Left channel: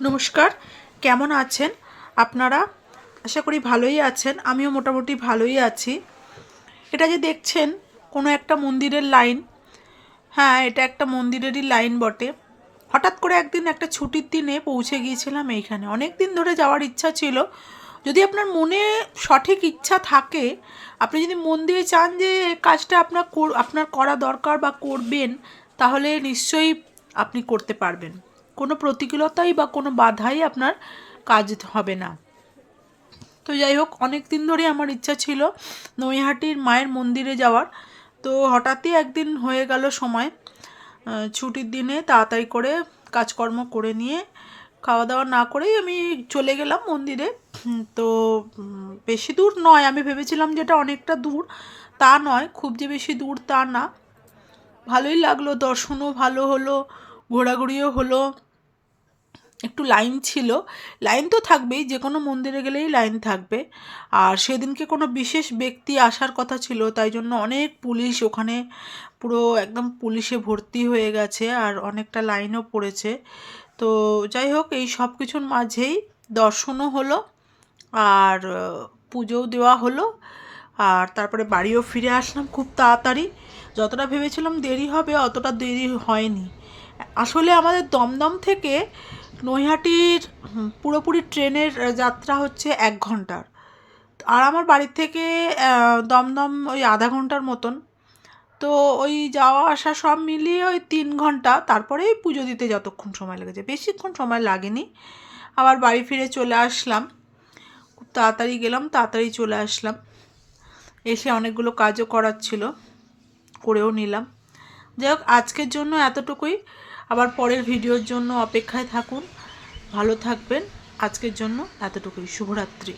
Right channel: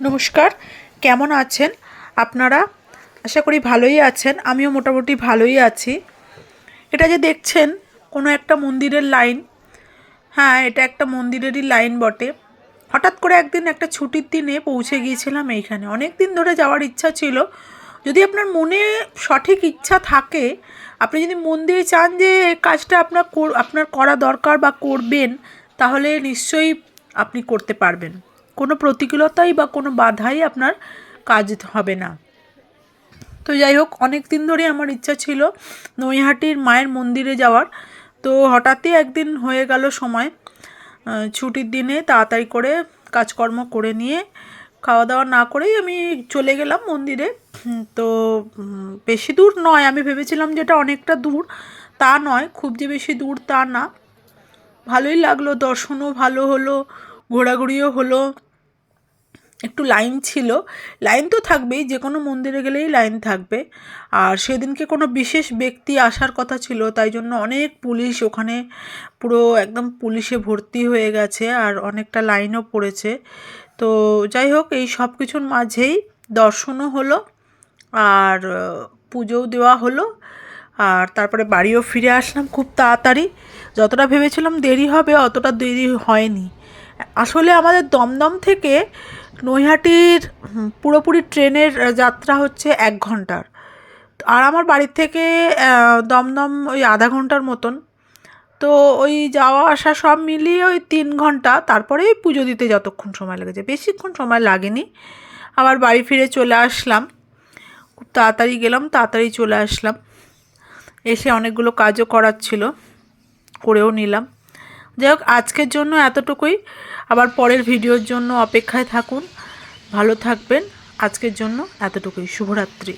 নমস্কার, কেমন আছেন আপনারা? আশা করি ভালোই আছেন। আমিও মোটামুটি ভালোই আছি। এটা যে দেখছেন কোনো একটা মন্দিরের লাইন। হ্যাঁ, এটা একটা মন্দিরেরই লাইন বটে। হঠাৎ করে একদিন একটা ছুটির দিনে পৌঁছে গিয়েছিলাম এইখানে। অনেক দিন ধরে যাওয়ার ইচ্ছা ছিল। যদি আপনার মনে সঠিক ইচ্ছা থাকে, আপনি যদি মন দিয়ে চান যে এই কাজটা আপনার করা দরকার বা করবেন, তাহলে নিশ্চয়ই আপনি করতে পারবেন। কোনো প্রতিকূলতাই বা কোনো বাধাই আপনার কাজ হবে না। তো যাই হোক, অনেক দিন ধরে আমার ইচ্ছা ছিল নৈহাটির মায়ের মন্দিরে যাওয়ার। তো হঠাৎই একদিন হয়ে গেল সময়। ছুটির দিনে তাড়াতাড়ি করে কাজকর্ম করে নিয়ে খাওয়া দাওয়া না করেই আমি চলে গেলাম মন্দিরে। তো বেশি দূর নয়, আমি ভেবেছিলাম যেটা অনেকটা দূর, তা নয়, খুব যে বেশি দূর তা না। ভালোই লাগলো, দর্শনও ভালো হলো, ঘোরাঘুরিও হলো। একটু লাইন ছিল, লাইন তো থাকবেই, যে কোনো মন্দিরে গেলেই লাইন থাকবে। আর সেদিনকে কোনো বিশেষ ব্যক্তি আসার কথা ছিল, তাই জন্য অনেক পুলিশ ওখানে, পুরো একদম পুলিশে ভর্তি হয়ে গেছে, আর অনেকটা লাইনও পড়েছে। তো যাই হোক, এই সব কিছুর মাঝেই দর্শনও হলো, আর পুজোও দেওয়া হলো, আর তারপরে বাড়িও ফিরে আসলাম খুব তাড়াতাড়ি। যতটা ভেবেছিলাম দেরি হবে, অতটা দেরি হয়নি। আসলে আমাদের দমদম থেকে নৈহাটির পুরোপুরি ট্রেনের যাত্রা হচ্ছে 1 ঘন্টার। আর আমার বাড়ির থেকে দমদম ওই আধা ঘন্টার মতন। তো ওই যাওয়া আসা সব মিলিয়ে ওই 3 ঘন্টা, তারপরেই পুজো দিতে যতক্ষণ সময় লেগেছে, বেশিক্ষণ সময় লাগেনি। আবার বাড়ি ফিরে চলে আসলাম, খুব তাড়াতাড়ি গেলাম, তাড়াতাড়ি চলে আসলাম। এসে অনেকগুলো কাজও করার ছিল, করেও নিলাম। যাই হোক, আজকের জন্য এতটুকুই। আবার পরের ভিডিওর জন্য অপেক্ষায় থাকুন। ভালো থাকবেন। আজকের জন্য এতটুকুই। শুভরাত্রি।